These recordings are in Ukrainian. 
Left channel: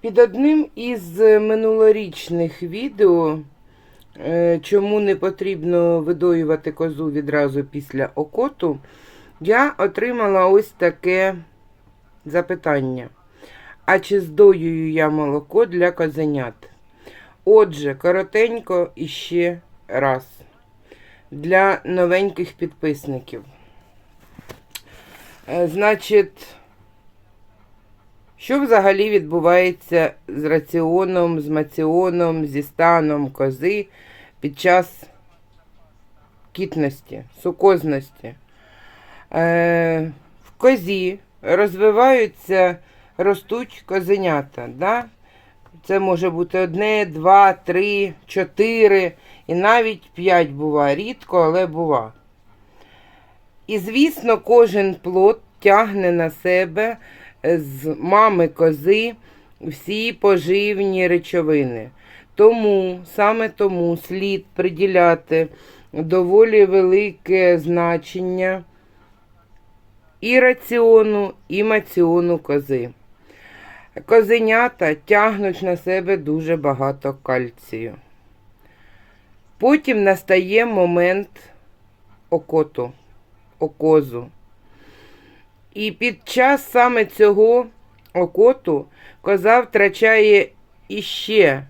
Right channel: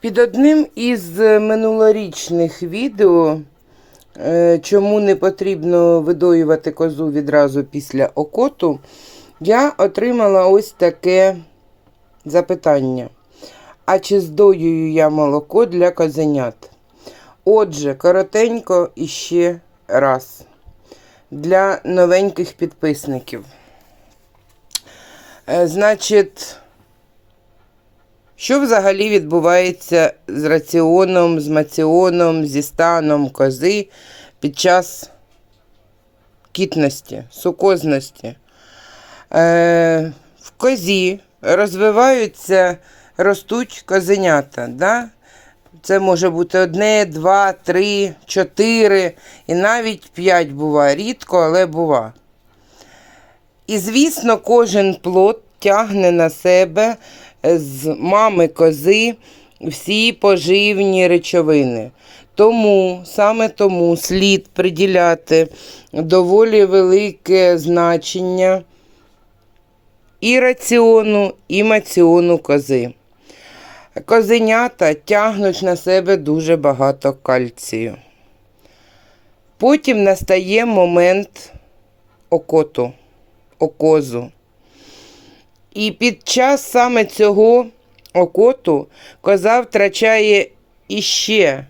Під одним із минулорічних відео, е, чому не потрібно видоювати козу відразу після окоту, я отримала ось таке запитання. А чи здоюю я молоко для козенят? Отже, коротенько іще раз. Для новеньких підписників. Е, Значить, що взагалі відбувається з раціоном, з маціоном, зі станом кози під час кітності, сукозності? Е, в козі розвиваються, ростуть козенята. Да? Це може бути одне, два, три, чотири і навіть п'ять бува. Рідко, але бува. І, звісно, кожен плод тягне на себе з мами кози всі поживні речовини. Тому, саме тому слід приділяти доволі велике значення і раціону, і маціону кози. Козенята тягнуть на себе дуже багато кальцію. Потім настає момент окоту, окозу. І під час саме цього окоту коза втрачає іще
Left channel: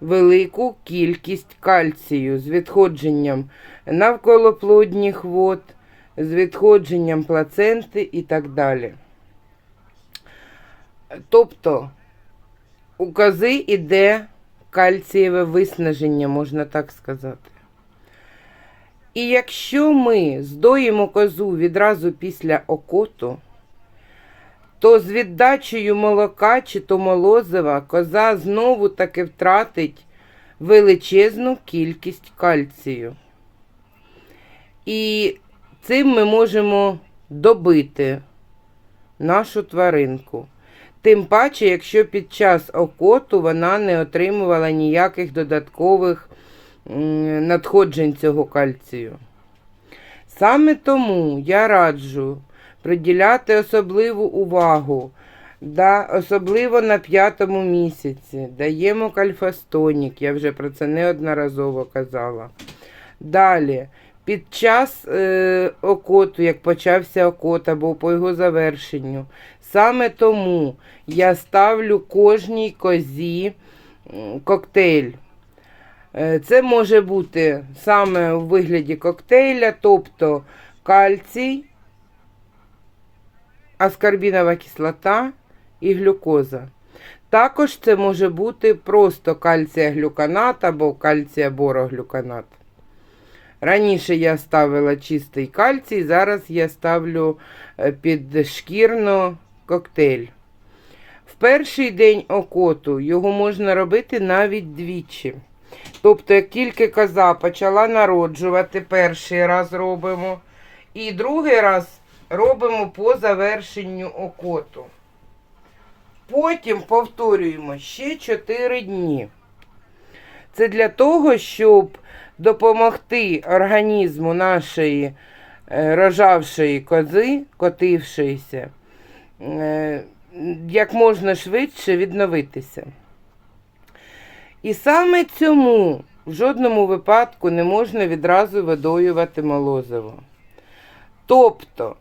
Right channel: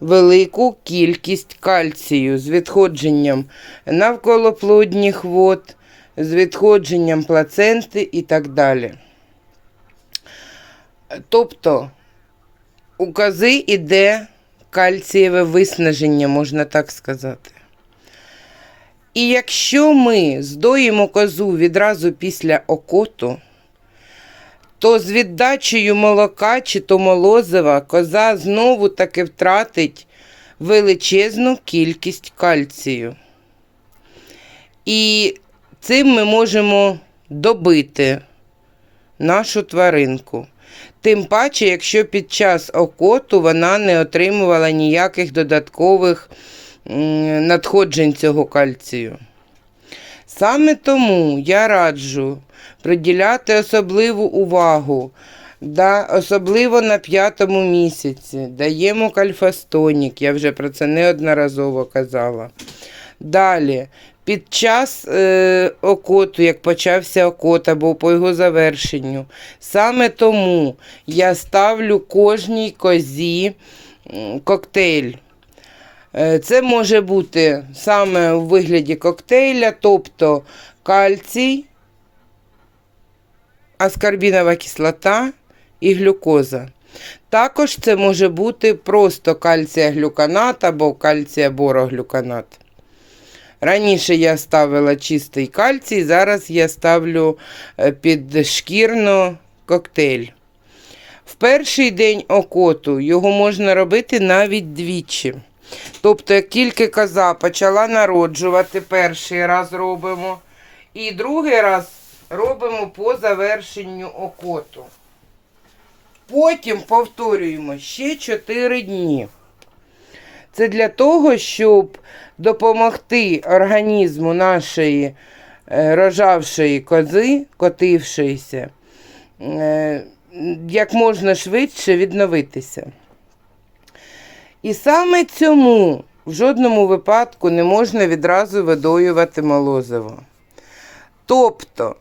велику кількість кальцію з відходженням навколоплодніх вод, з відходженням плаценти і так далі. Тобто у кози йде кальцієве виснаження, можна так сказати. І якщо ми здоїмо козу відразу після окоту, то з віддачею молока чи то молозива коза знову таки втратить величезну кількість кальцію. І цим ми можемо добити нашу тваринку. Тим паче, якщо під час окоту вона не отримувала ніяких додаткових надходжень цього кальцію. Саме тому я раджу приділяти особливу увагу, да, особливо на п'ятому місяці. Даємо кальфастонік, я вже про це неодноразово казала. Далі, під час е, окоту, як почався окот або по його завершенню, саме тому я ставлю кожній козі коктейль. Е, Це може бути саме у вигляді коктейля, тобто кальцій, аскарбінова кислота і глюкоза. Також це може бути просто кальціаглюканат або кальціабороглюканат. Раніше я ставила чистий кальцій, зараз я ставлю е, підшкірно коктейль. В перший день окоту його можна робити навіть двічі. Тобто, як тільки коза почала народжувати, перший раз робимо, і другий раз робимо по завершенню окоту. Потім повторюємо ще 4 дні. Це для того, щоб допомогти організму нашої е, рожавшої кози, котившоїся, е, як можна швидше відновитися. І саме цьому в жодному випадку не можна відразу видоювати молозиво. Тобто,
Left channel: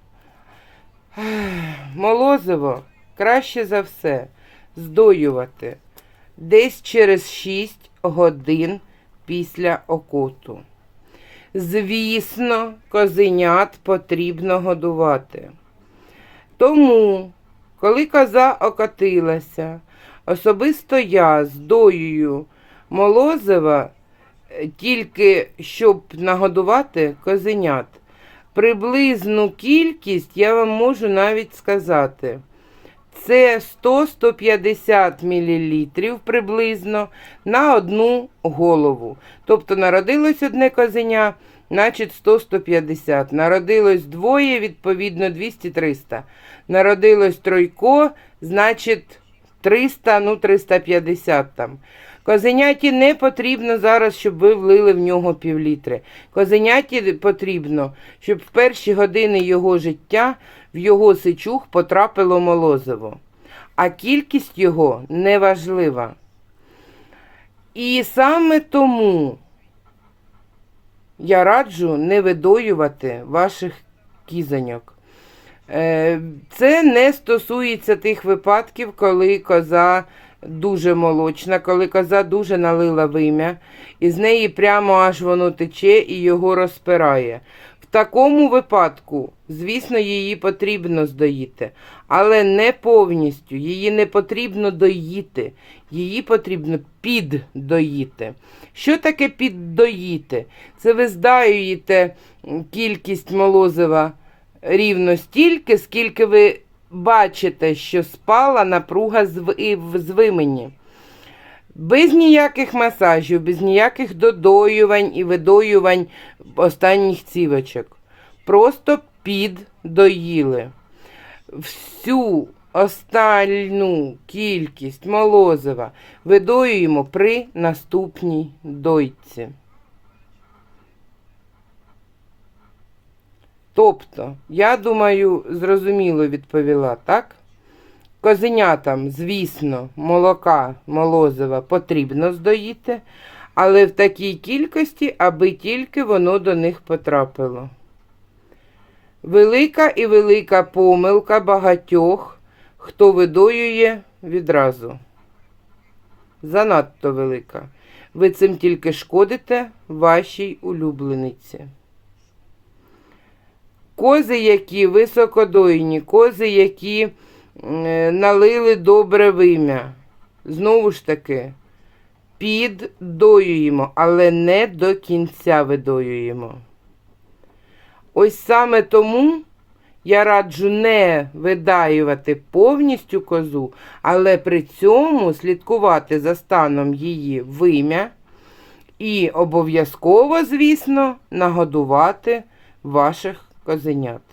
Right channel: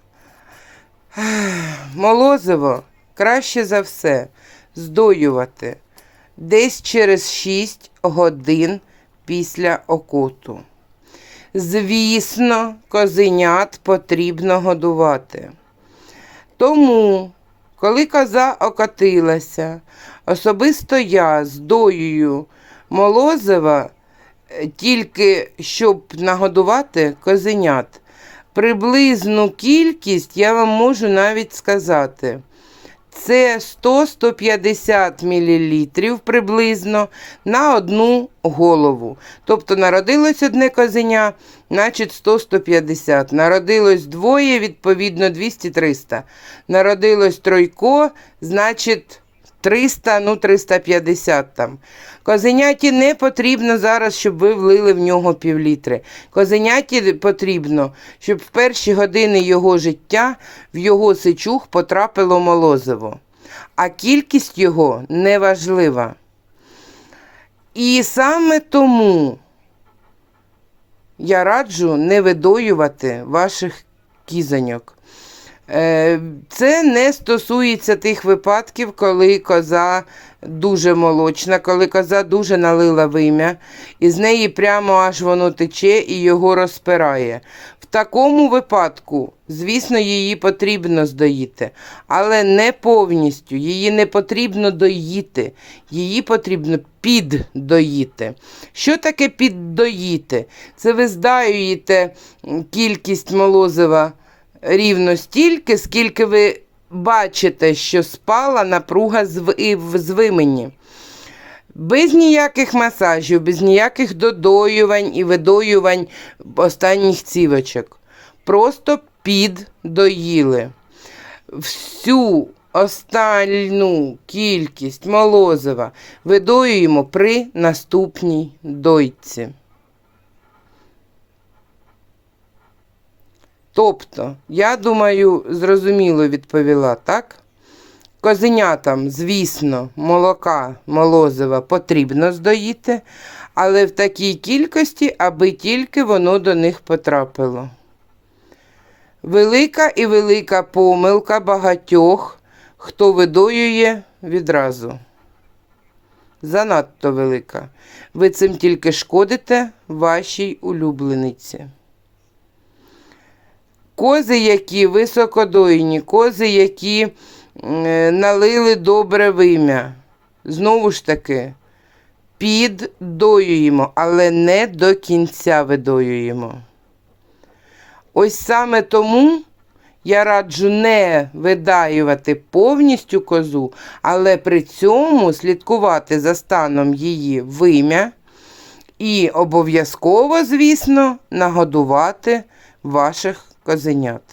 молозиво краще за все здоювати десь через 6 годин після окоту. Звісно, козенят потрібно годувати. Тому, коли коза окотилася, особисто я здоюю молозива е, тільки щоб нагодувати козенят. Приблизну кількість я вам можу навіть сказати. Це 100-150 мл приблизно на одну голову. Тобто народилось одне козеня, значить 100-150. Народилось двоє, відповідно 200-300. Народилось тройко, значить 300, ну 350 там. Козеняті не потрібно зараз, щоб ви влили в нього півлітри. Козеняті потрібно, щоб в перші години його життя в його сичух потрапило молозиво. А кількість його неважлива. І саме тому я раджу не видоювати ваших кізоньок. Е, Це не стосується тих випадків, коли коза дуже молочна, коли коза дуже налила вим'я, і з неї прямо аж воно тече і його розпирає. В такому випадку, звісно, її потрібно здоїти, але не повністю. Її не потрібно доїти, її потрібно піддоїти. Що таке піддоїти? Це ви здаюєте кількість молозива рівно стільки, скільки ви бачите, що спала напруга з звимені. Без ніяких масажів, без ніяких додоювань і видоювань останніх цівочок. Просто піддоїли. Всю остальну кількість молозива видоюємо при наступній дойці. Тобто, я думаю, зрозуміло відповіла, так? Козенятам, звісно, молока молозива потрібно здоїти, але в такій кількості, аби тільки воно до них потрапило. Велика і велика помилка багатьох, хто видоює відразу. Занадто велика. Ви цим тільки шкодите вашій улюблениці. Кози, які високодойні, кози, які е, налили добре вим'я. Знову ж таки, піддоюємо, але не до кінця видоюємо. Ось саме тому я раджу не видаювати повністю козу, але при цьому слідкувати за станом її вим'я і обов'язково, звісно, нагодувати ваших козенят.